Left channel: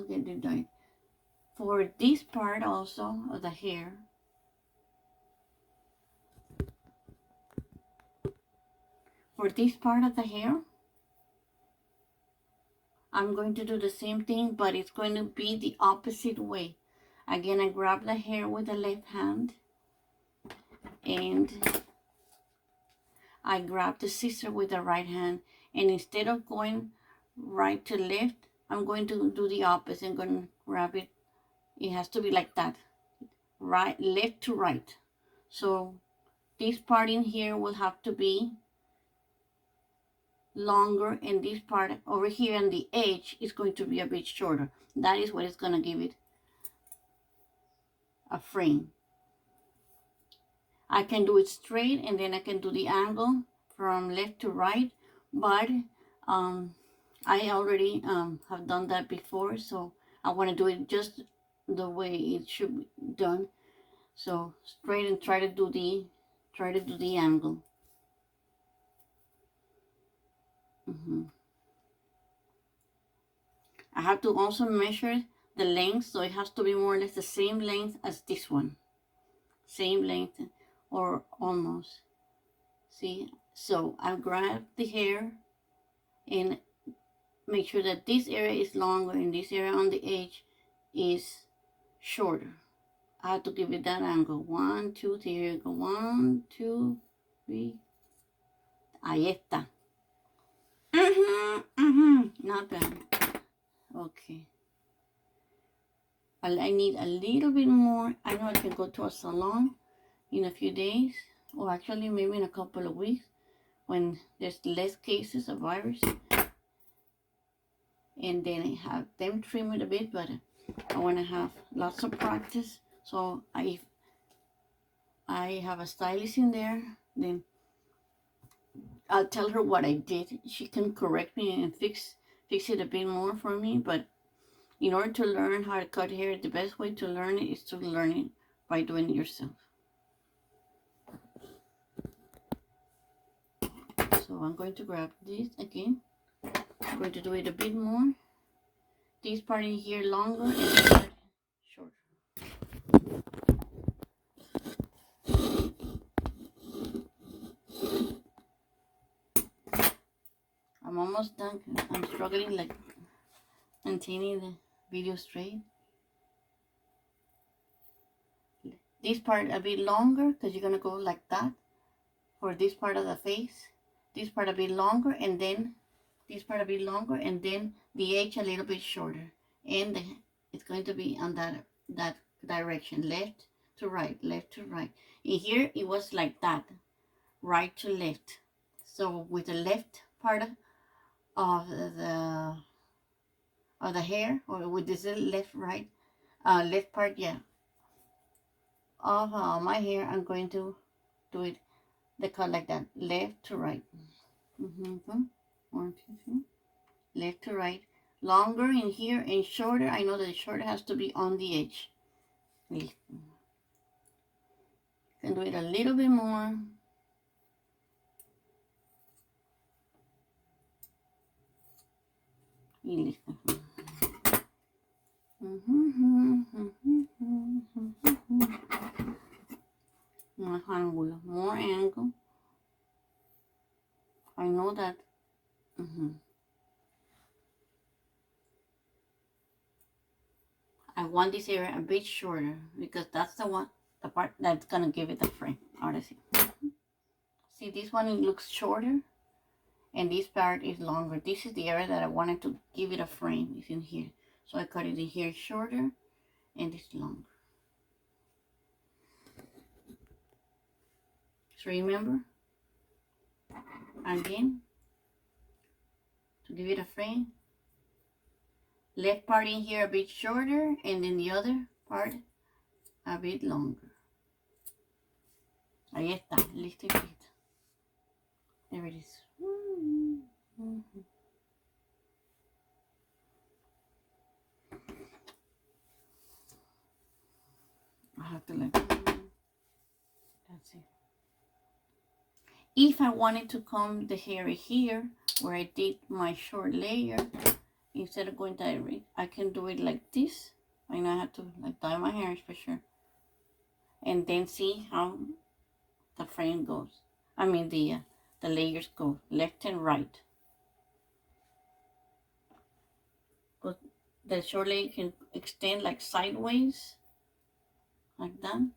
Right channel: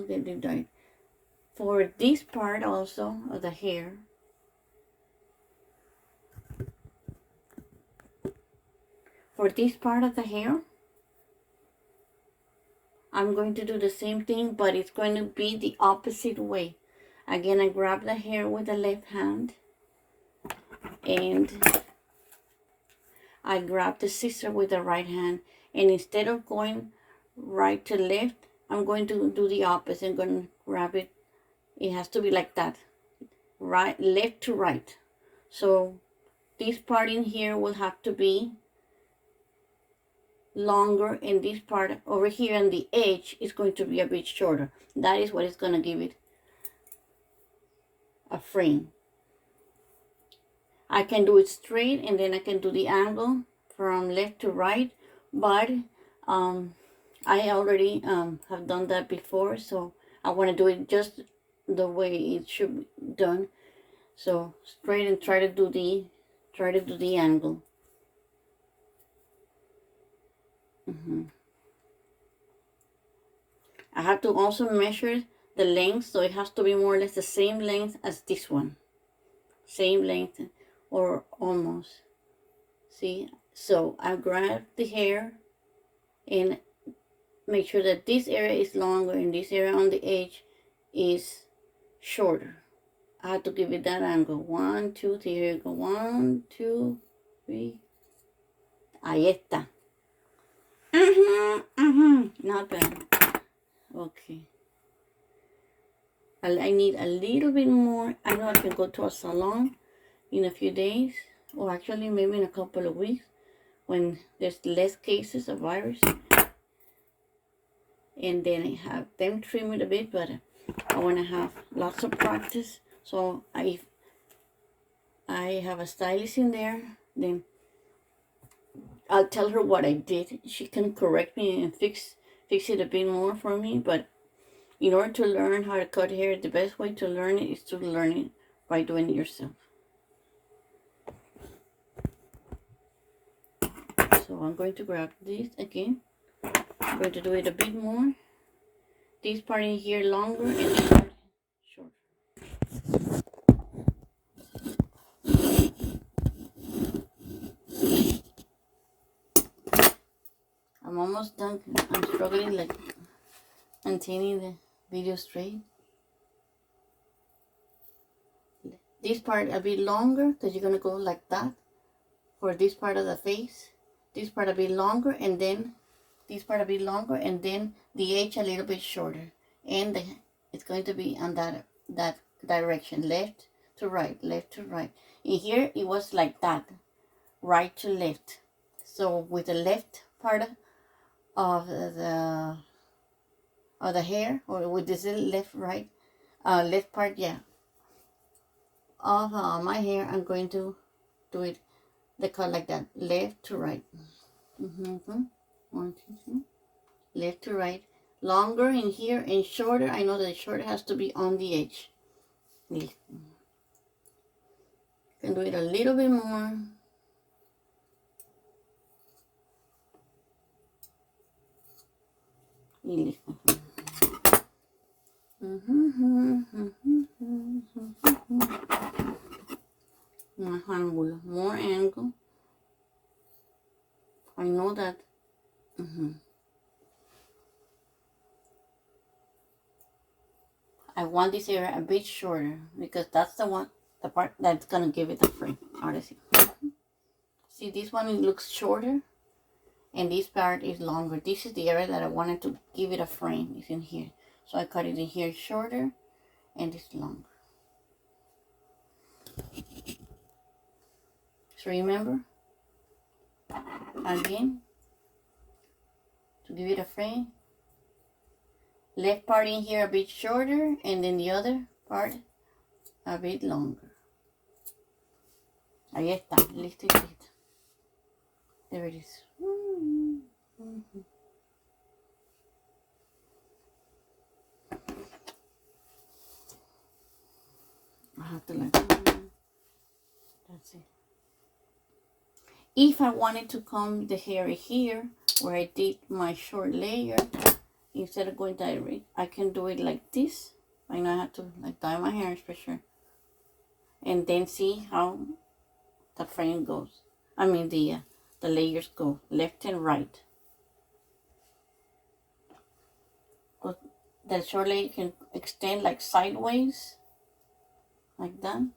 will get it right. For this part also of the hair, I'm going to do the same thing, but it's going to be the opposite way. Again, I grab the hair with the left hand, and I grab the scissor with the right hand, and instead of going right to left, I'm going to do the opposite. I'm going to grab it. It has to be like that, right, left to right. So this part in here will have to be longer, and this part over here on the edge is going to be a bit shorter. That is what is going to give it a frame. I can do it straight, and then I can do the angle from left to right, but I already have done that before, so I want to do it just the way it should be done. So straight, and try to do the angle. I have to also measure the length, so it has to be more or less the same length as this one. Same length, or almost. See? So I grab the hair and make sure that this area is longer and this area on the edge is shorter. I have to give it that angle. 1, 2, 3. Here you go. 1, 2, 3. Ahí está. Not bad. Okay. I need a little bit more. I know I can go to a salon in a few days, or actually maybe in a couple of weeks, when there's less cases of virus, and then I have them trim it a bit, but I want to have lots of practice. So I have a stylist in there, then I'll tell her what I did. She can correct me and fix it a bit more for me. But in order to learn how to cut hair, the best way to learn it is to learn it by doing it yourself. So I'm going to grab this again. I'm going to do it a bit more. This part in here longer and this part shorter. I'm almost done. I'm struggling like maintaining the video straight. This part a bit longer, because you're going to go like that for this part of the face. This part a bit longer, and then this part a bit longer, and then the edge a little bit shorter. And it's going to be on that direction, left to right, left to right. In here it was like that, right to left. So with the left part of the hair, or with this left part, yeah, of my hair, I'm going to do it the cut like that, left to right. 1, 2, 3. Left to right, longer in here and shorter. I know that the shorter has to be on the edge. You can do it a little bit more. More angle. I know that. I want this area a bit shorter, because that's the part that's gonna give it the frame. Honestly, see, this one looks shorter, and this part is longer. This is the area that I wanted to give it a frame. It's in here, so I cut it in here shorter, and it's longer. So remember, again, to give it a frame, left part in here a bit shorter, and then the other part a bit longer. Ahí está, listo y listo. There it is. I have to like, that's it. If I wanted to comb the hair here, where I did my short layer, instead of going direct, I can do it like this. I know I have to like dye my hairs for sure. And then see how the frame goes. I mean the layers go left and right. The short layer can extend like sideways, like that.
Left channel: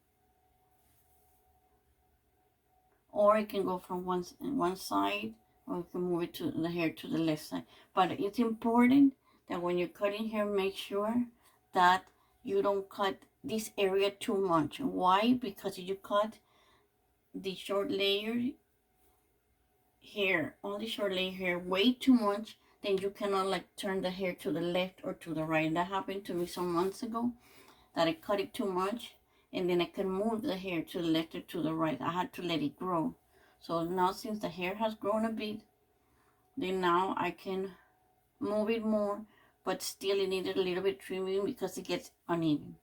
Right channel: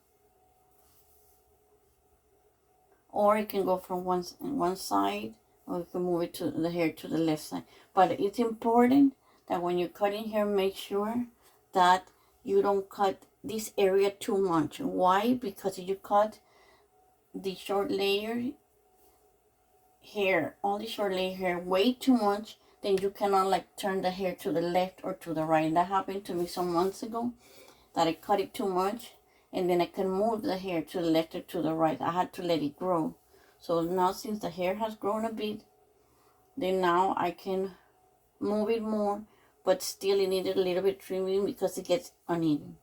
Or it can go from one side, or you can move it to the hair to the left side. But it's important that when you're cutting hair, make sure that you don't cut this area too much. Why? Because if you cut the short layer hair, all the short layer hair way too much, then you cannot like turn the hair to the left or to the right. That happened to me some months ago, that I cut it too much, and then I can move the hair to the left or to the right. I had to let it grow. So now since the hair has grown a bit, then now I can move it more, but still it needed a little bit trimming because it gets uneven.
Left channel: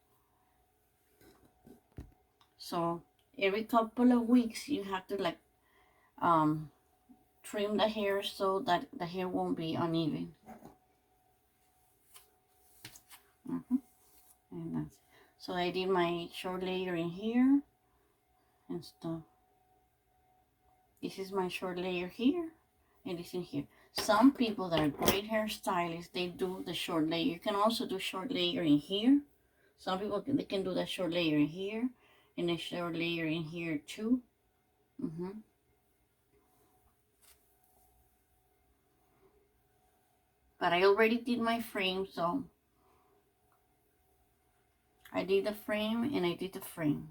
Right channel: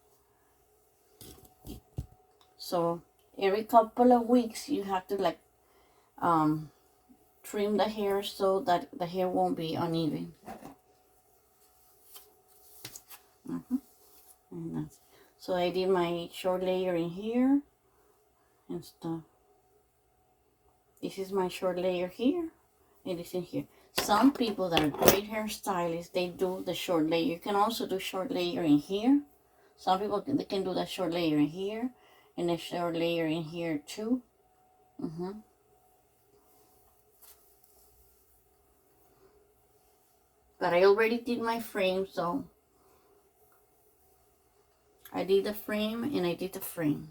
So every couple of weeks you have to like trim the hair so that the hair won't be uneven. And that's, so I did my short layer in here and stuff. This is my short layer here, and it's in here. Some people that are great hairstylists, they do the short layer. You can also do short layer in here. Some people they can do that short layer in here, and a short layer in here too. But I already did my frame, so I did the frame and I did the frame.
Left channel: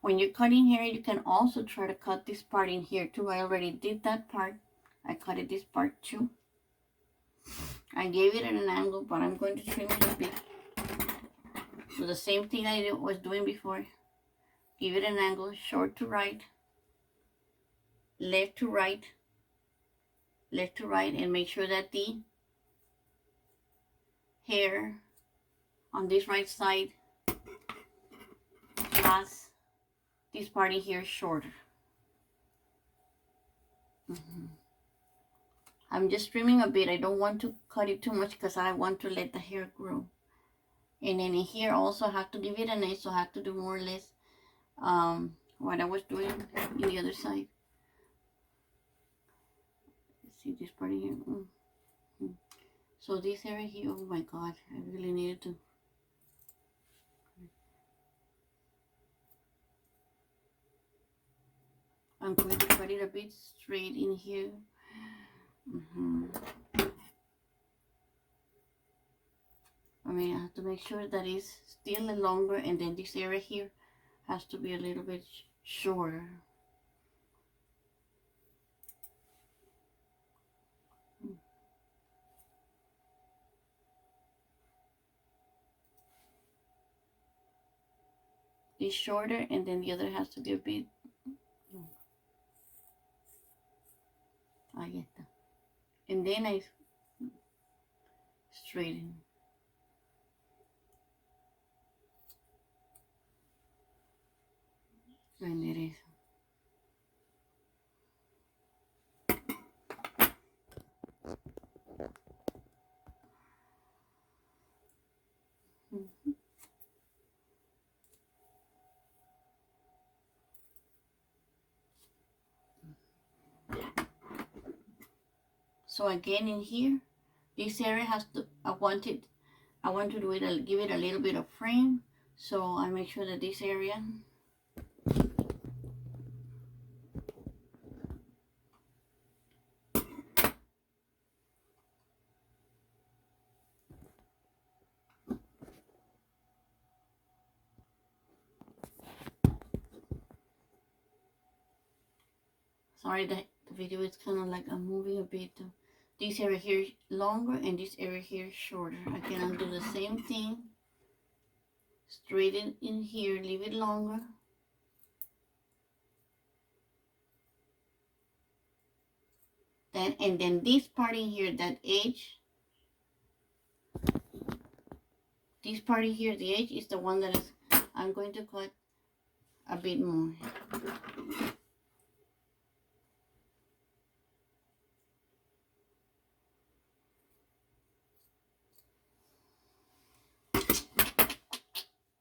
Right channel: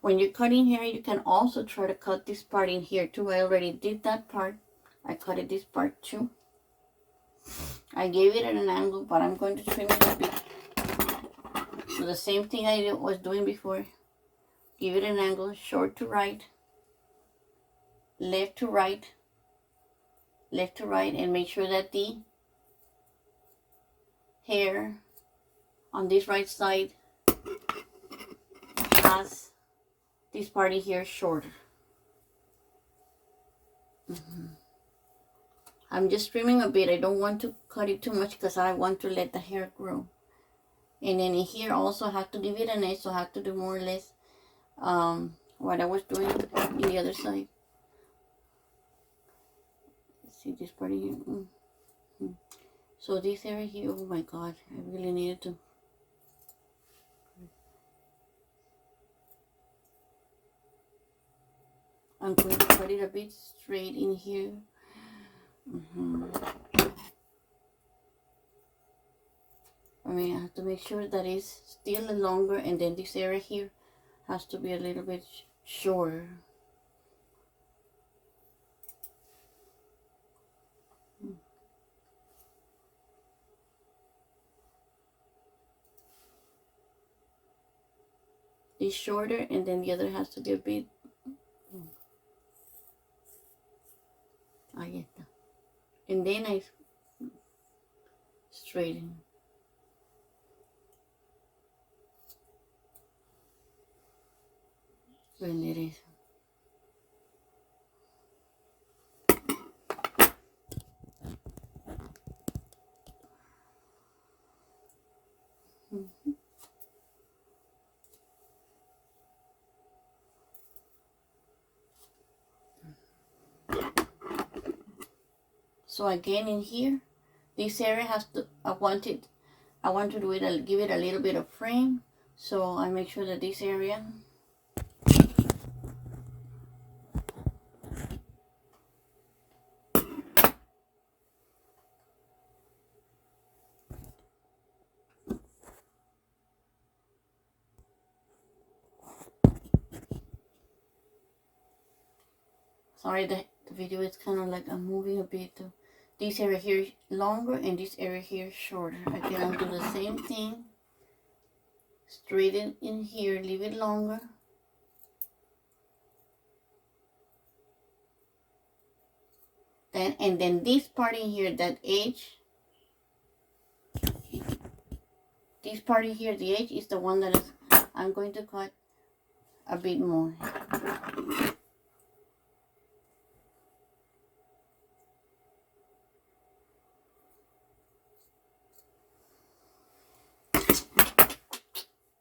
When you're cutting hair, you can also try to cut this part in here too. I already did that part. I cut it this part too. I gave it at an angle, but I'm going to trim it a bit. So the same thing I was doing before. Give it an angle, short to right, left to right, left to right, and make sure that the hair on this right side has this part in here shorter. I'm just trimming a bit. I don't want to cut it too much because I want to let the hair grow. And then in here also have to give it an edge, so I have to do more or less what I was doing in the other side. Let's see this part here. So this area here, oh my god, I really needed to. I'm going to cut it a bit straight in here. I mean, I have to make sure that it's still longer, and then this area here has to be a little bit shorter. It's shorter, and then the other has to be a bit. Ahí está. And then I straighten. Lo enderezo. So again in here, this area has to, I want to do it, give it a little bit of frame. So I make sure that this area sorry, the video is kind of like I'm moving a bit. This area here longer and this area here shorter. Again, I'll do the same thing. Straighten in here, leave it longer. And then this part in here, that edge, this part in here, the edge is the one that is, I'm going to cut a bit more.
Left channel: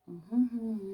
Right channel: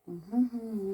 Mhm.